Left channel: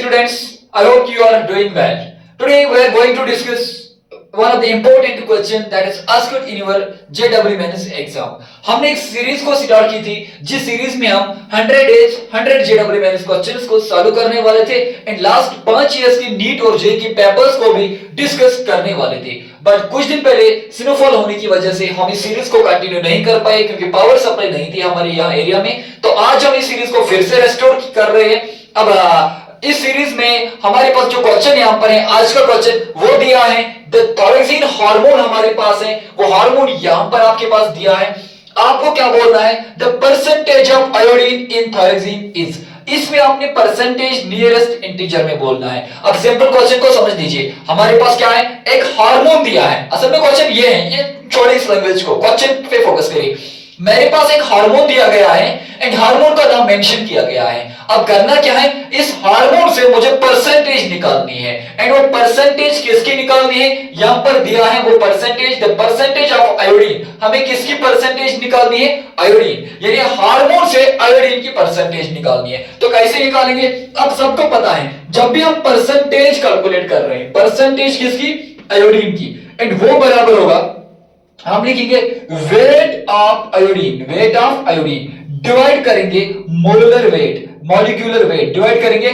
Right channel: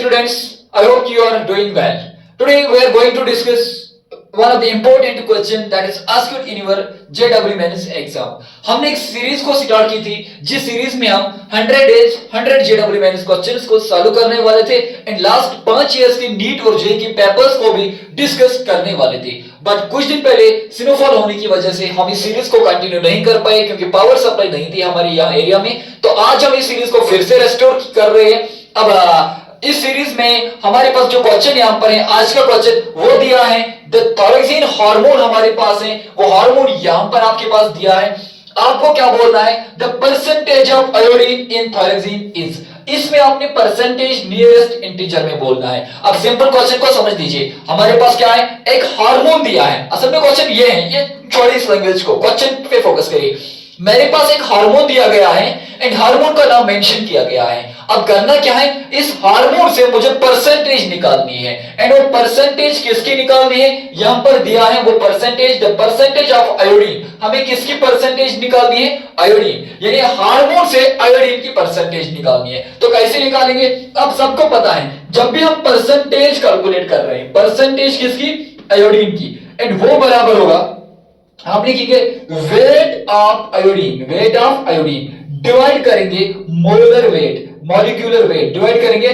students, I hope you are doing well. Today we are going to discuss one of the important question that is asked in your JEE Mains exam. हमने एक series को start की थी जिस series में हम 100 days 100 JEE Mains questions को solve करने वाले थे एंड लास्ट 5 इयर्स की नीट और जेईई की पेपर्स को भी डिस्कस करने वाले थे। बट कुछ दिन पहले स्नोफॉल होने की वजह से हम इस सीरीज को कंटिन्यू नहीं कर पाए क्योंकि पावर सप्लाई नहीं थी हमारे यहाँ एरिया में। तो आज हम इस सीरीज को फिर से रेस्टोर कर रहे हैं। अब इस सीरीज में हमारे पास जो क्वेश्चन यहाँ पर है, आज का क्वेश्चन वो दिया है द थायरोक्सिन हार्मोन हमारे पास है, वो हार्मोन यहाँ पर आपके पास दिया है। आपको क्या बोलना है, the percentage of iodine in thyroxine is. इसमें आपने परसेंटेज नियरेस्ट इंटीजर में बोलना है। अब सिंपल क्वेश्चन को समझ लीजिए, हमारे पास क्या है, एक हार्मोन दिया है। असल में क्वेश्चन ये है, ये छोड़िए इस लैंग्वेज को, क्वेश्चन पे फोकस करिए। मेरे पास एक हार्मोन दिया गया है एंड हार्मोन का नाम मेंशन किया गया है। अब करना क्या है, इस हार्मोन से मुझे परसेंटेज निकालनी है एंड वो परसेंटेज किसकी निकालनी है, यहां पर दिया है वो percentage, the percentage of iodine. हमें किसकी परसेंटेज निकालनी है, आयोडीन, यानी हार्मोन से आयोडीन की परसेंटेज निकालनी है। तो कैसे निकालेंगे, अब सबको पता है जब भी हम परसेंटेज कैलकुलेट कर रहे हैं, परसेंटेज किसकी, आयोडीन की, एंड वो बराबर होगा, हम लिखेंगे weight of iodine, weight of iodine divide करेंगे मोलुलर वेट, मॉलिक्यूलर वेट डिवाइड करेंगे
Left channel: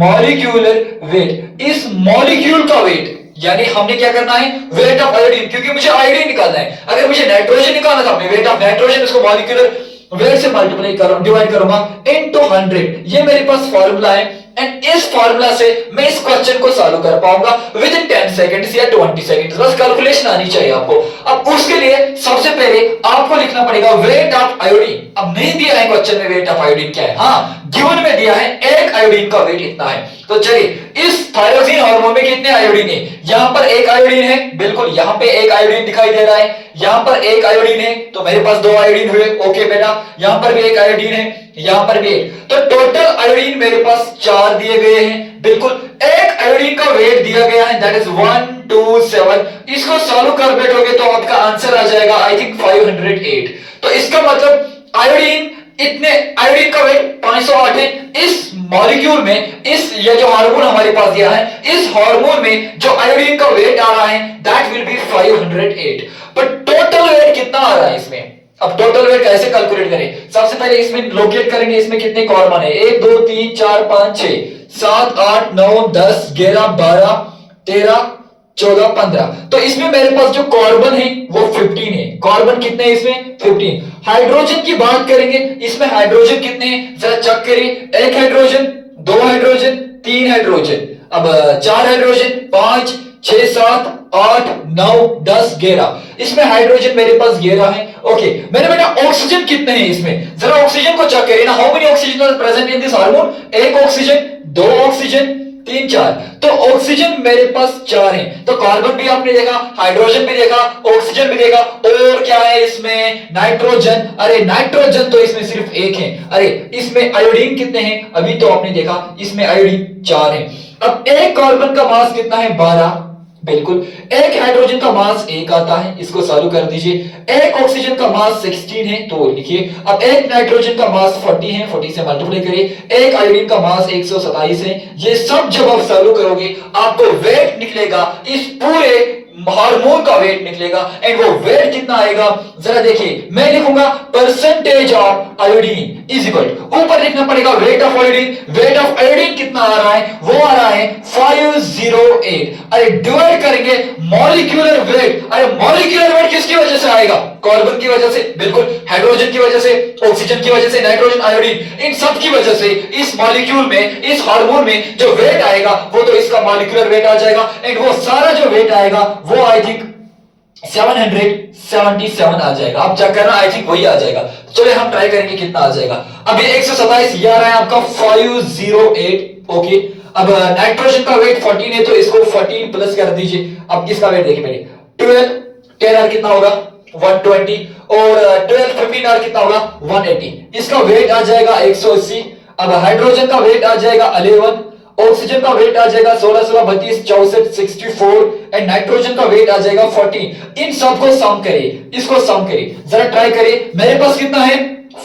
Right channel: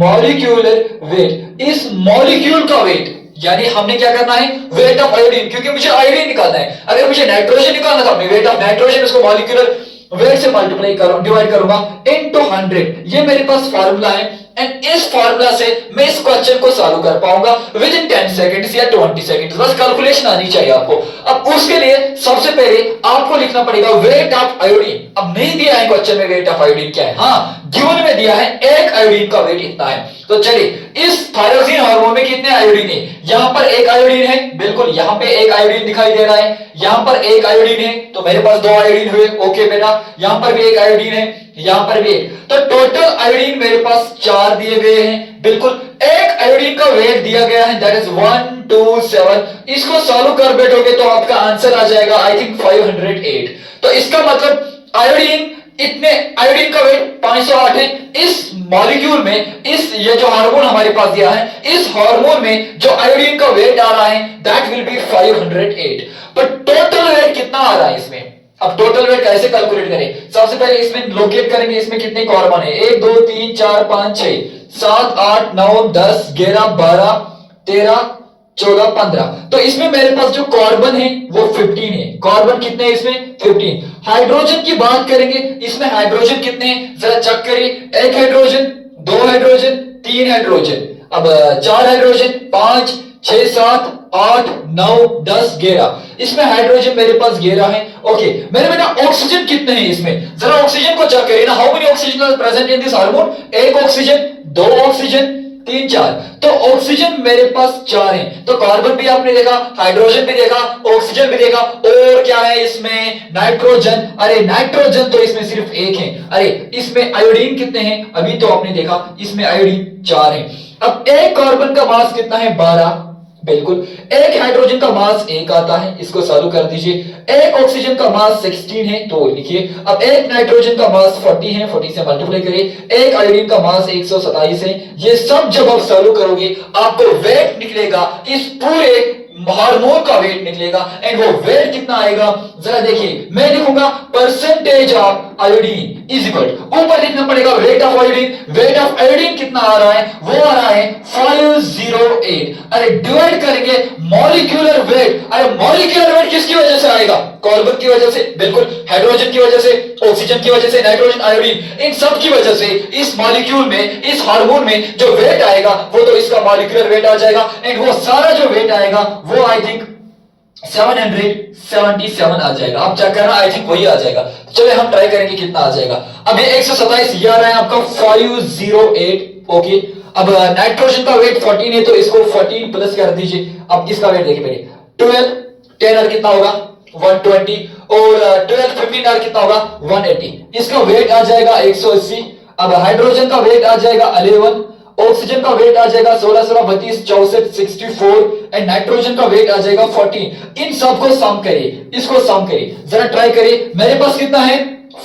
मॉलिक्यूलर वेट। इस मॉलिक्यूल का वेट यानी हमने क्या करना है, वेट ऑफ आयोडीन, क्योंकि मुझे आयोडीन निकालना है। अगर मुझे नाइट्रोजन निकालना था, मैं वेट ऑफ नाइट्रोजन इसको मॉलिक्यूलर वेट से मल्टीप्लाई करूंगा, डिवाइड करूंगा इनटू 100। ये मेरे पास फार्मूला है एंड इस फार्मूला से मैं इस क्वेश्चन को सॉल्व कर पाऊंगा विद इन 10 सेकंड्स या 20 सेकंड्स। बस कैलकुलेशन आनी चाहिए आपको। अब उसके लिए सबसे पहले आपको लिखना पड़ेगा वेट ऑफ आयोडीन। अब नहीं दिया है क्वेश्चन में वेट ऑफ आयोडीन क्या है, हाँ गिवन में दिया है एक आयोडीन का वेट इतना है। तो चलिए, इस थायरोक्सिन हार्मोन में कितने आयोडीन है, यहां पर एक आयोडीन है, बिल्कुल यहां पे एक आयोडीन दिखाई दे रहा है, यहां पर एक आयोडीन है, तो मेरे पास 2 आयोडीन हुए। ओके बेटा, यहां पर भी एक आयोडीन है, यहां पर भी एक, तो टोटल आयोडीन मेरे पास 4 दिए गए हैं। बिल्कुल एक आयोडीन का वेट दिया गया है, दैट इज 127। इसको सॉल्व कर बैठोगे तो आपका आंसर आ जाएगा आई थिंक 508। तो इसका मतलब आयोडीन इतने, आयोडीन का वेट 508 है। इस मॉलिक्यूल में, इस ये जो हार्मोन हमारे पास दिया है, इस हार्मोन में जो आयोडीन का वेट आ रहा है that will be 508। But total weight कितना आ रहा है इसमें, अब टोटल वेट कैसे कैलकुलेट करें, सबसे पहले इसमें लोकेट करेंगे इसमें कितने कार्बन है, 1 2 3 4 5 6 7 8 9 10 11 12 13 14 15। तो इसमें मेरे पास जो कार्बन है वो 15 है। कार्बन कितने हैं इसमें, 15। हाइड्रोजन की बात करेंगे, इसमें हाइड्रोजन कितने हैं जरा चेक करिए, 1 हाइड्रोजन, 2 हाइड्रोजन, 3 हाइड्रोजन, अब 4 हाइड्रोजन, 5 6 7 8 9 10 11। इसमें हाइड्रोजन मेरे पास 11 है। ओके मेरे बेटा ऑक्सीजन कितने हैं इसमें, जरा ऑक्सीजन को चेक करिए ना, how many oxygen are present in this hormone, 1 oxygen, 2 oxygen, 3 4। तो ऑक्सीजन मेरे पास 4 है। तो कार्बन भी आपने देखा, हाइड्रोजन भी देखा, ऑक्सीजन भी देखा, और क्या है इसमें, नाइट्रोजन। अरे नाइट्रोजन तो इसमें सिर्फ 1 है। अरे इसमें आयोडीन कितने हैं, अभी तो आपने देखा इसमें आयोडीन 4 है। अब एक कार्बन का मास कितना है, 12, बिल्कुल। एक हाइड्रोजन का मास 1 आता है, इसको सॉल्व कर दीजिए। एक ऑक्सीजन का मास 16 है, तो लिखिए। अब एक नाइट्रोजन का मास 40 है, 40 से मल्टीप्लाई करिए। एक आयोडीन का मास 127 है। ये सब जब आप सॉल्व करोगे आपको वेट निकलेगा, इस पूरे हार्मोन का वेट निकलेगा एंड वो वेट कितना आएगा जरा देखिए। मैं लिखूंगा percentage of iodine is equal, ऊपर लिखना पड़ेगा weight of iodine. Weight of iodine कितना आ रहा है, वो आ रहा है 508। अरे डिवाइड करेंगे मॉलिक्यूलर वेट। अरे मॉलिक्यूलर वेट किसकी वजह से आएगा, कार्बन की वजह से, बिल्कुल, हाइड्रोजन की वजह से, ऑक्सीजन की वजह से, नाइट्रोजन, आयोडीन, इन सब की वजह से इस मॉलिक्यूल में, इस हार्मोन में जो वेट आएगा वो तो इसका मॉलिक्यूलर वेट आ जाएगा एंड वो सारा जो वेट आएगा वो आई थिंक 777 आ जाएगा। आप चेक करना, आई थिंक वही आ जाएगा। चलिए हम ट्राई करेंगे कितना आ जाएगा। अब ये 127, ये आ रहा है आपका 508। ओके अब नाइट्रोजन का वेट 14 है, तो इसको 14 प्लस कर दीजिए। अब इसका वेट देखिए पहले, 12 10 और कितना होगा 120, और 12 15 और कितना होगा 180। इसका वेट आ जाएगा 180। अब हाइड्रोजन का वेट आ जाएगा 11, ऑक्सीजन का वेट आ जाएगा 16 16 32 64 64 एंड नाइट्रोजन का वेट आ जाएगा 14। इन सबको सम करिए, इसको सम करिए, जरा ट्राई करिए। मेरे पास कितना है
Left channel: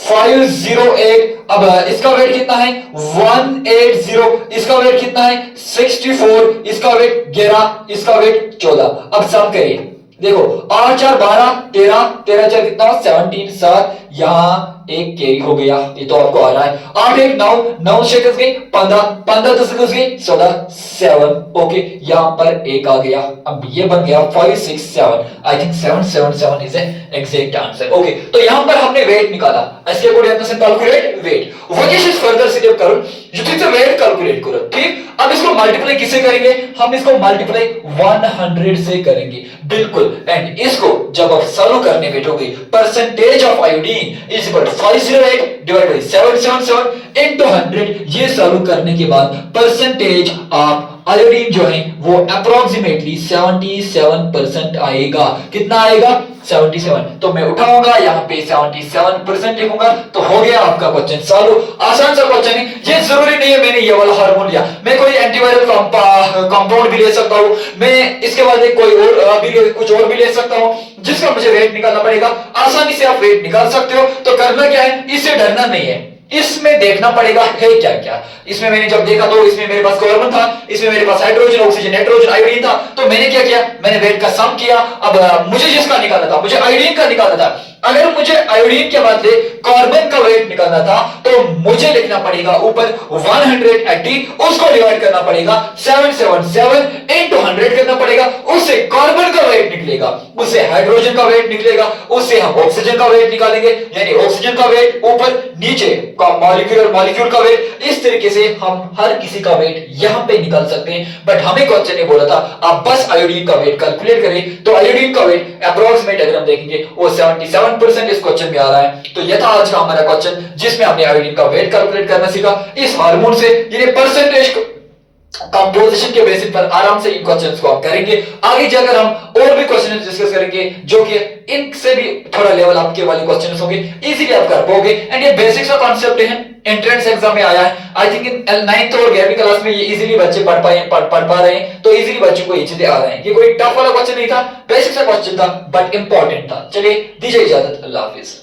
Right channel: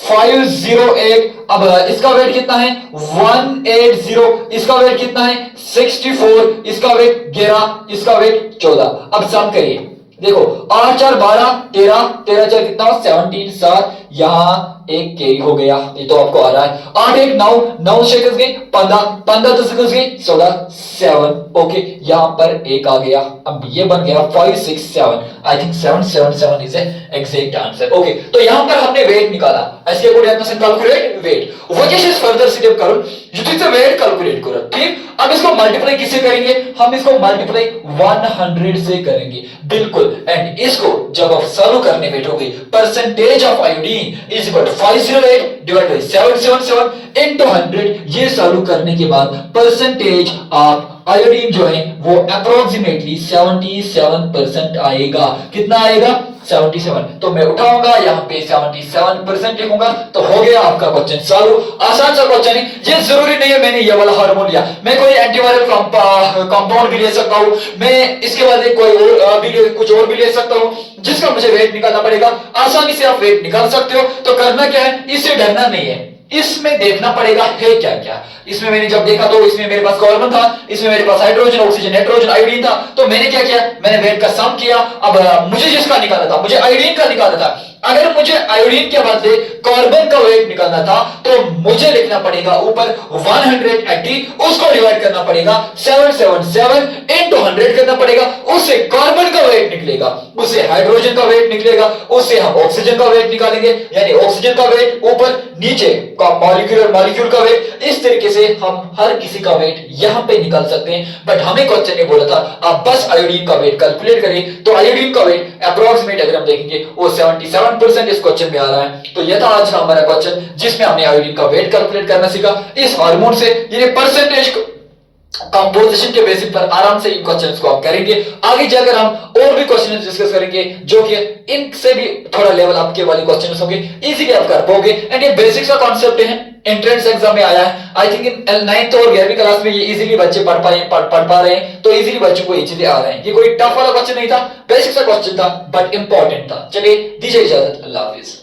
508 अब इसका वेट कितना है 180, इसका वेट कितना है 64, इसका वेट 11, इसका वेट 14। अब सम करिए, देखो 8 4 12 13, 13 4 कितना 17, 7, यहां एक कैरी हो गया, ये तो आपको आ रहा है। 8 1 9, 9 6 गए 15, 15 10 गए 16, 7, ओके, यहां पर एक आ गया। अब ये बन गया 5 6 7, I think 7 7 7 is exact answer. Okay, तो यहां पर हमने वेट निकाला, इसके अकॉर्डिंग आपण calculate weight. What is further step करून जुतीचं वेट कैलकुलेट करू, ठीक। अब इसको मल्टीप्लाई किससे करेंगे, हम इसको मल्टीप्लाई 100 से करेंगे, बिल्कुल। एंड इसको जब आप सॉल्व करने बैठोगे, percentage of iodine is equal 508 divide by 777 into 100, ये सॉल्व करने के बाद परसेंटेज ऑफ आयोडीन जो है वो अप्रोक्सीमेटली 77% आएगा। कितना आएगा 77। तो मैं उठाऊंगा यहां पे 77% लिखूंगा, तो हो गया आपका क्वेश्चन सॉल्व। आसान सा क्वेश्चन है, ये जरूरी नहीं है मैंने ये वाला हार्मोन लिया, मैं कोई एंटीवायरल कंपाउंड भी ले सकता हूं, मैं इसके बाद कोई और भी कुछ और भी ले सकता हूं जिसका मुझे वेट निकालना पड़ेगा। आसानी से आप वेट निकाल सकते हो। तो करना क्या है, इससे डरना नहीं है, इसमें देखना पड़ेगा है क्या क्या। इसमें मैंने जब देखा तो इसमें मेरे पास कार्बन था, इसमें मेरे पास हाइड्रोजन ऑक्सीजन नाइट्रोजन आयोडीन था, तो मैंने क्या किया, मैंने वेट का सम किया। अब मुझे जिसका निकालना था, मुझे आयोडीन का निकालना था, अगर मुझे आयोडीन के बदले कार्बन का वेट निकालना था तो मुझे लिखना पड़ेगा ऊपर 180, उसको डिवाइड करना पड़ेगा 777 इनटू 100 करना पड़ेगा, उससे कार्बन का वेट निकलेगा, उससे हाइड्रोजन का वेट निकलेगा, उससे हम ऑक्सीजन का वेट निकालेंगे, यानी ऑक्सीजन का वेट ऊपर नीचे का मॉलिक्यूल का वेट। इस तरीके से हम हर किसी का वेट यहां पे निकाल सकते हैं। बट हमें क्वेश्चन ने बोला था आप बस आयोडीन का वेट कैलकुलेट करें, तो आयोडीन का वेट अप्रोक्सीमेट अगर हम देखेंगे वो 77% इस क्वेश्चन में आ रहा है। तो ये था आज का हमारा क्वेश्चन जिसमें हमने आयोडीन का वेट कैलकुलेट करना सीखा इस हार्मोन से। ये परसेंटेज कंपोजिशन के बेसिस पर आराम से इन क्वेश्चंस को आप करेंगे। आगे जाकर हम और भी क्वेश्चंस डिस्कस करेंगे जो कि इनसे भी थोड़ा लेवल आपके वाले क्वेश्चंस होंगे, इजीली आप कर पाओगे। एंड ये बेसिक्स का कांसेप्ट है, एंट्रेंस एग्जाम में आया है, आई थिंक इन 9th और 11वीं क्लास में ये इजीली बच्चे पढ़ पा रहे हैं, तो इजीली बच्चों को ये चीजें आ रहे हैं। ये कोई टफ वाला क्वेश्चन नहीं था, बेसिक सा क्वेश्चन था बट इंपॉर्टेंट था। चलिए दीजिए इजाजत, अल्लाह हाफिज।